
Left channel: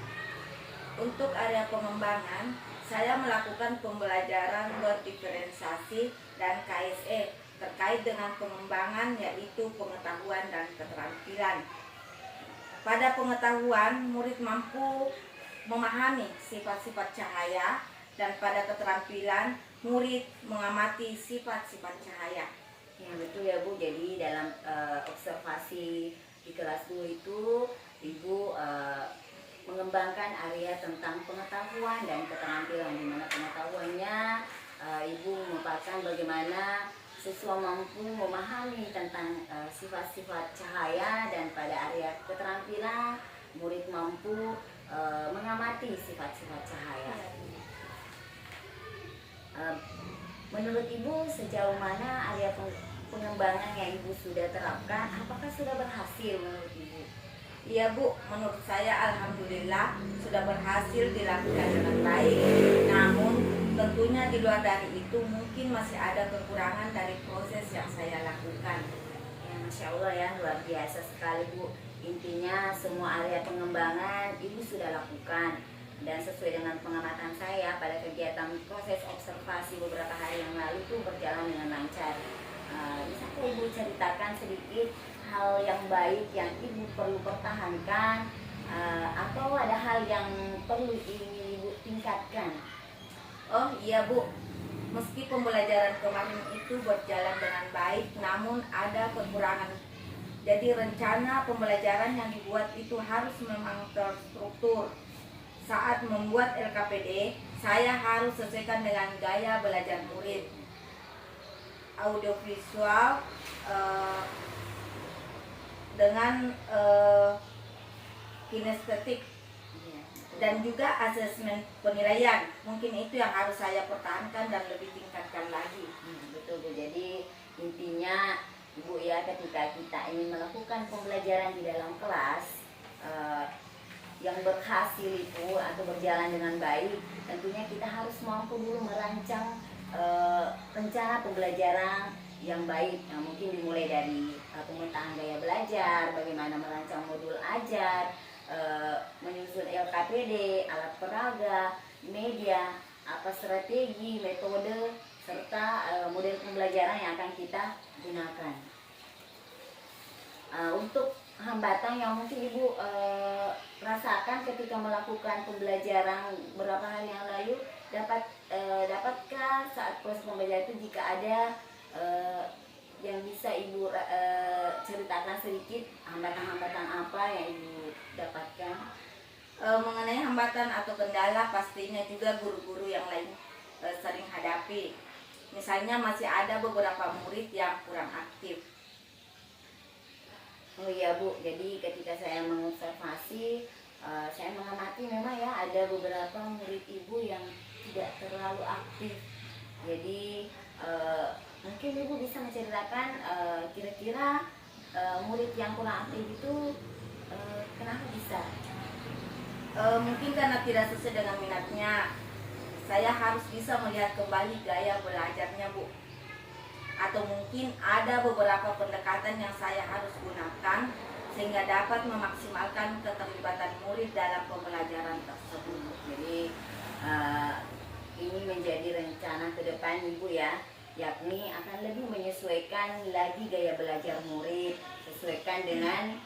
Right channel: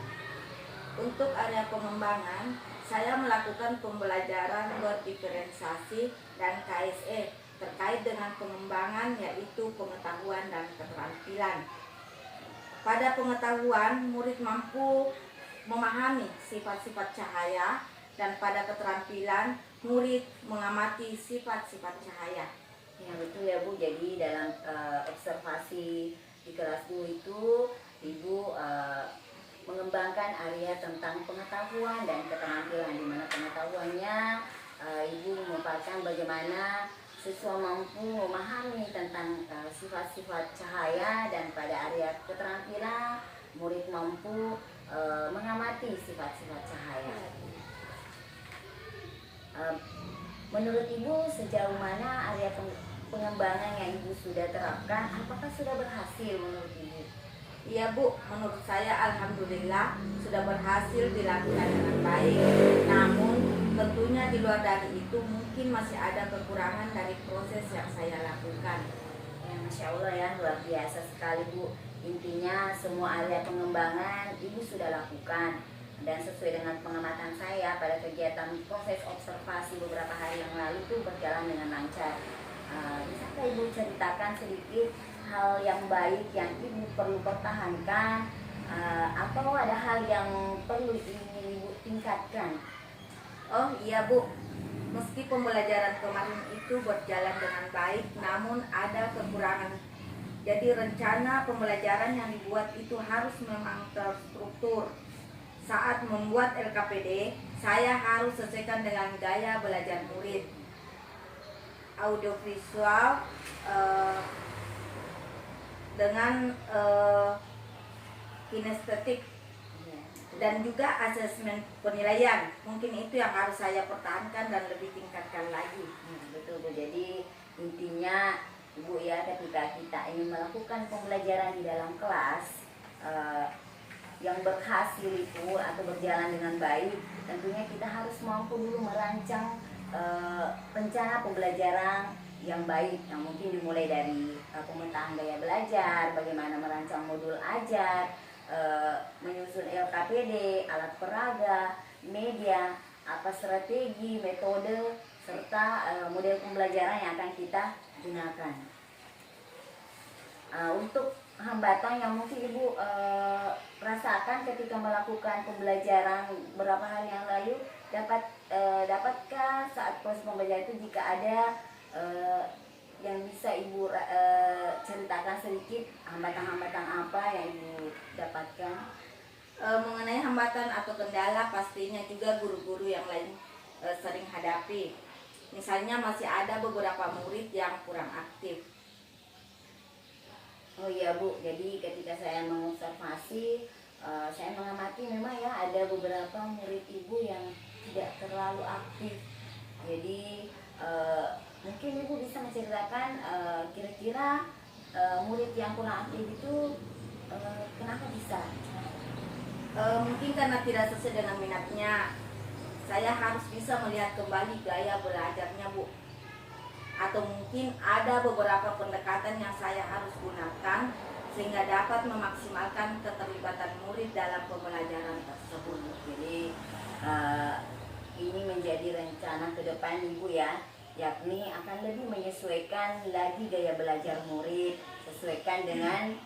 Untuk area pengembangan, saya melakukan pembelajaran berdiferensiasi dan KSE terkait dengan pengembangan, yaitu pengetahuan dan keterampilan. Pada pengetahuan, murid mampu memahami sifat-sifat cahaya, dan pada keterampilan, murid mengamati sifat-sifat cahaya. Ya betul ya Bu, jadi dalam observasi di kelas 2 itu Ibu mengembangkan area tentang pengetahuan dan keterampilan, di mana pengetahuannya Ibu memaparkan bagaimana siswa mampu memahami tentang sifat-sifat cahaya, dan pada area keterampilan murid mampu mengamati sifat-sifat cahaya. Menurut Ibu sejauh mana area pengembangan yang Ibu sudah terapkan, apakah sudah berhasil menurut Ibu? Iya Bu, menurut saya alhamdulillah sudah berhasil dilakukan dengan baik. Namun tentunya di luar dari itu mungkin masih ada kekurangan dari proses yang saya lakukan. Ya Masya Allah ya, luar biasa sekali Bu. Intinya semua area pengembangan Ibu sudah lakukan, dan sesuai dengan pengamatan saya pada kegiatan proses observasi beberapa hari yang lalu itu berjalan dengan lancar. Bisakah Ibu ceritakan sedikit hal yang baik yang Ibu perlu pertahankan, atau ada hal yang perlu ingin Ibu tingkatkan? Oh iya Bu, meski pembelajaran kemarin itu berjalan dengan baik, namun ada kekurangan. Jadi rencana pembelajaran yang dibuat itu harus memang terstruktur. Saat membuat LKPD, saya harus sesuaikan dengan gaya belajar murid. Audiovisual dengan kinestetik, dan juga asesmen penilaian. Mungkin itu yang harus saya pertahankan dan lebih tingkatkan lagi. Betul Bu, jadi intinya Bu ya, ketika kita ingin melakukan pembelajaran di dalam kelas yang berhasil itu atau berjalan dengan baik, tentunya kita harus mampu dulu merancang rencana pembelajaran yang baik. Yang mungkin dimulai dari pemetaan gaya belajar, bagaimana merancang modul ajar, menyusun LKPD, alat peraga, media, apa strategi, metode, serta model pembelajaran yang akan kita gunakan. Untuk hambatan yang mungkin Ibu rasakan ketika melakukan pembelajaran beberapa hari yang lalu, dapatkah saat proses pembelajaran itu jika ada yang bisa Ibu ceritakan sedikit hambatan-hambatan apa yang Ibu dapatkan? Mengenai hambatan atau kendala, pastinya juga guru-guru yang lain sering hadapi. Misalnya masih ada beberapa murid yang kurang aktif. Oh iya Bu, jadi ketika saya mengobservasi, saya mengamati memang ya ada beberapa murid Ibu yang tidak terlalu aktif. Jadi Mungkin Ibu bisa menceritakan kira-kira murid yang kurang aktif itu kenapa bisa? Mungkin karena tidak sesuai dengan minatnya. Saya harus bisa melihat kembali gaya belajarnya, Bu. Atau mungkin ada beberapa pendekatan yang saya harus gunakan sehingga dapat memaksimalkan keterlibatan murid dalam pembelajaran tersebut. Jadi ini menjadi rencana ke depan Ibu ya, yakni akan lebih menyesuaikan lagi gaya belajar murid, sesuaikan dengan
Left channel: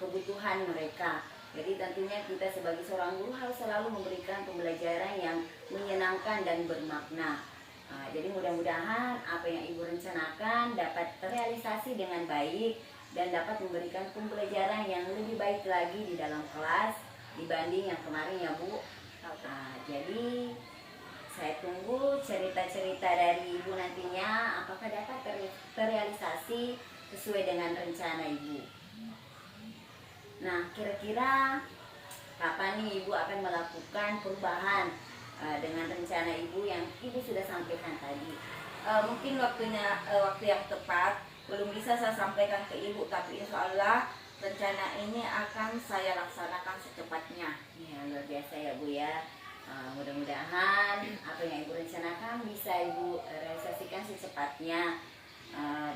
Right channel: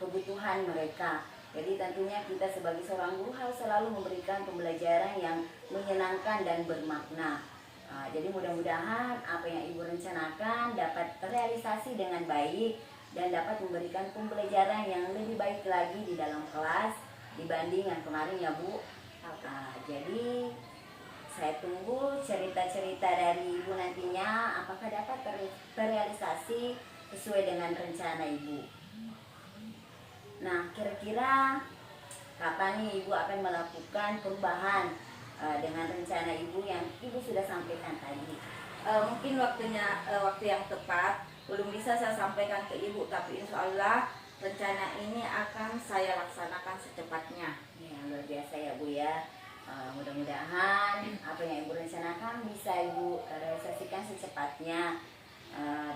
kebutuhan mereka. Jadi tentunya kita sebagai seorang guru harus selalu memberikan pembelajaran yang menyenangkan dan bermakna. Jadi mudah-mudahan apa yang Ibu rencanakan dapat terrealisasi dengan baik dan dapat memberikan pembelajaran yang lebih baik lagi di dalam kelas dibanding yang kemarin ya Bu. Jadi saya tunggu cerita-cerita dari Ibu nantinya apakah dapat terrealisasi sesuai dengan rencana Ibu. Nah, kira-kira kapan nih Ibu akan melakukan perubahan dengan rencana Ibu yang Ibu sudah sampaikan tadi? Mungkin waktu yang tepat belum bisa saya sampaikan ke Ibu, tapi insya Allah rencana ini akan saya laksanakan secepatnya. Ya, luar biasa ya Bu ya. Mudah-mudahan apa yang Ibu rencanakan bisa Ibu realisasikan secepatnya.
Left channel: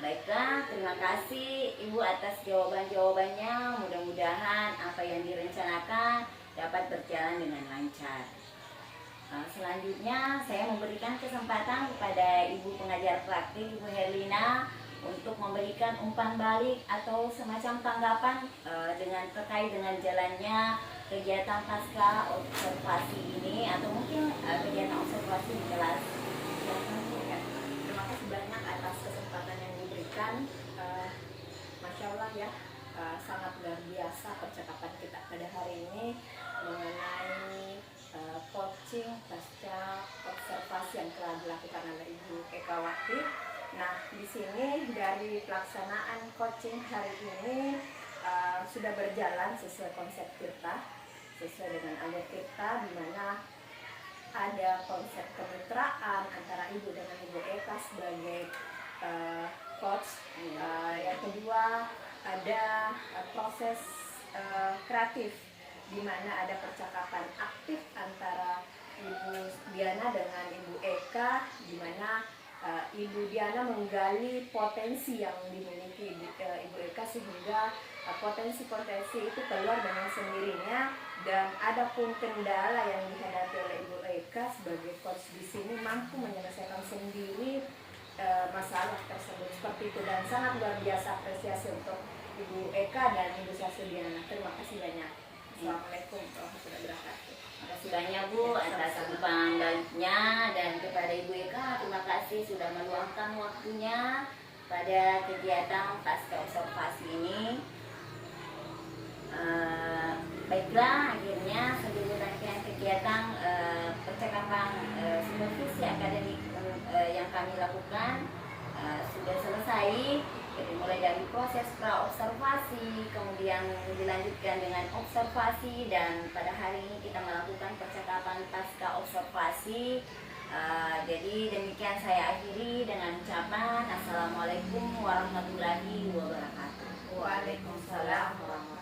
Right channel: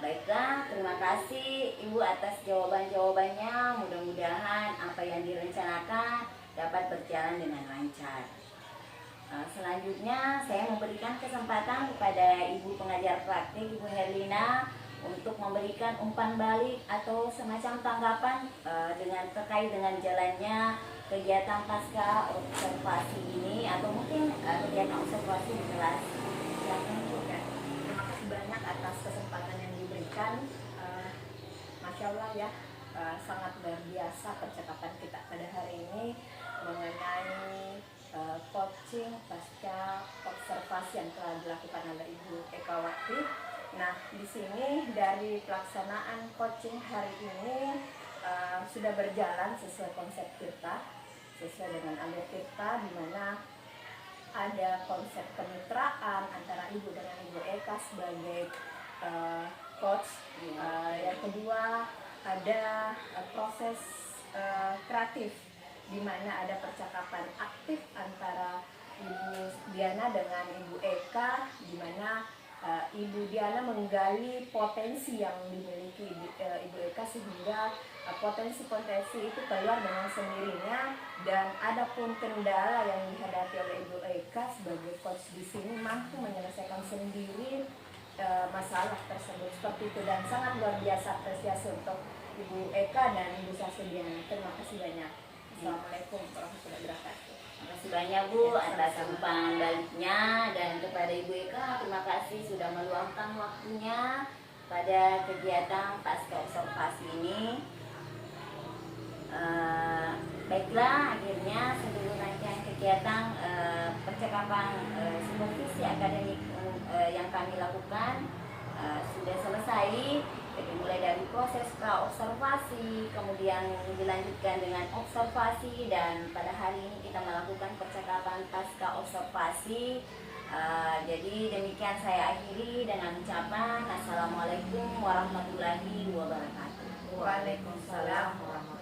Baiklah, terima kasih Ibu atas jawaban-jawabannya. Mudah-mudahan apa yang direncanakan dapat berjalan dengan lancar. Selanjutnya saya memberikan kesempatan kepada Ibu pengajar praktik Ibu Herlina untuk memberikan umpan balik atau semacam tanggapan terkait dengan jalannya kegiatan pasca observasi ini atau mungkin kegiatan observasi di kelas. Terima kasih banyak atas kesempatan yang diberikan. Masya Allah ya, sangat luar biasa percakapan kita pada hari ini mengenai coaching pasca observasi yang telah dilakukan oleh Ibu Ekawati. Nah, di sini dari pelaksanaan coaching hari ini sudah berjalan sesuai konsep kita, sesuai dengan alur kita, di mana ada konsep kemitraan antara Ibu dengan Ibu Eka sebagai coach. Yang kedua ada proses kreatif, di mana ada percakapan aktif antara Ibu Diana dengan Ibu Eka, di mana Ibu Diana menggali potensi yang dimiliki Ibu Eka sehingga potensi-potensi itu keluar dengan sendirinya, dan ada pun kendala yang dihadapi oleh Ibu Eka sebagai coach di sini mampu menyelesaikan sendiri masalah tersebut seperti itu, dan sangat luar biasa apresiasi untuk Ibu Eka dan Ibu Diana. Terima kasih banyak. Assalamualaikum warahmatullahi wabarakatuh. Terima kasih banyak Bu atas umpan baliknya, dan kepada Ibu Eka terima kasih sudah meluangkan waktunya pada kegiatan pasca observasi ini. Baiklah, akhirnya sebelum rangkaian kegiatan percakapan supervisi akademik yang kami lakukan sudah selesai. Jadi mulai dari proses pra-observasi, kemudian dilanjutkan dengan observasi, dan pada hari ini kita melakukan percakapan pasca observasi. Jadi demikian saya akhiri dengan ucapan Assalamualaikum warahmatullahi wabarakatuh. Waalaikumsalam warahmatullahi wabarakatuh.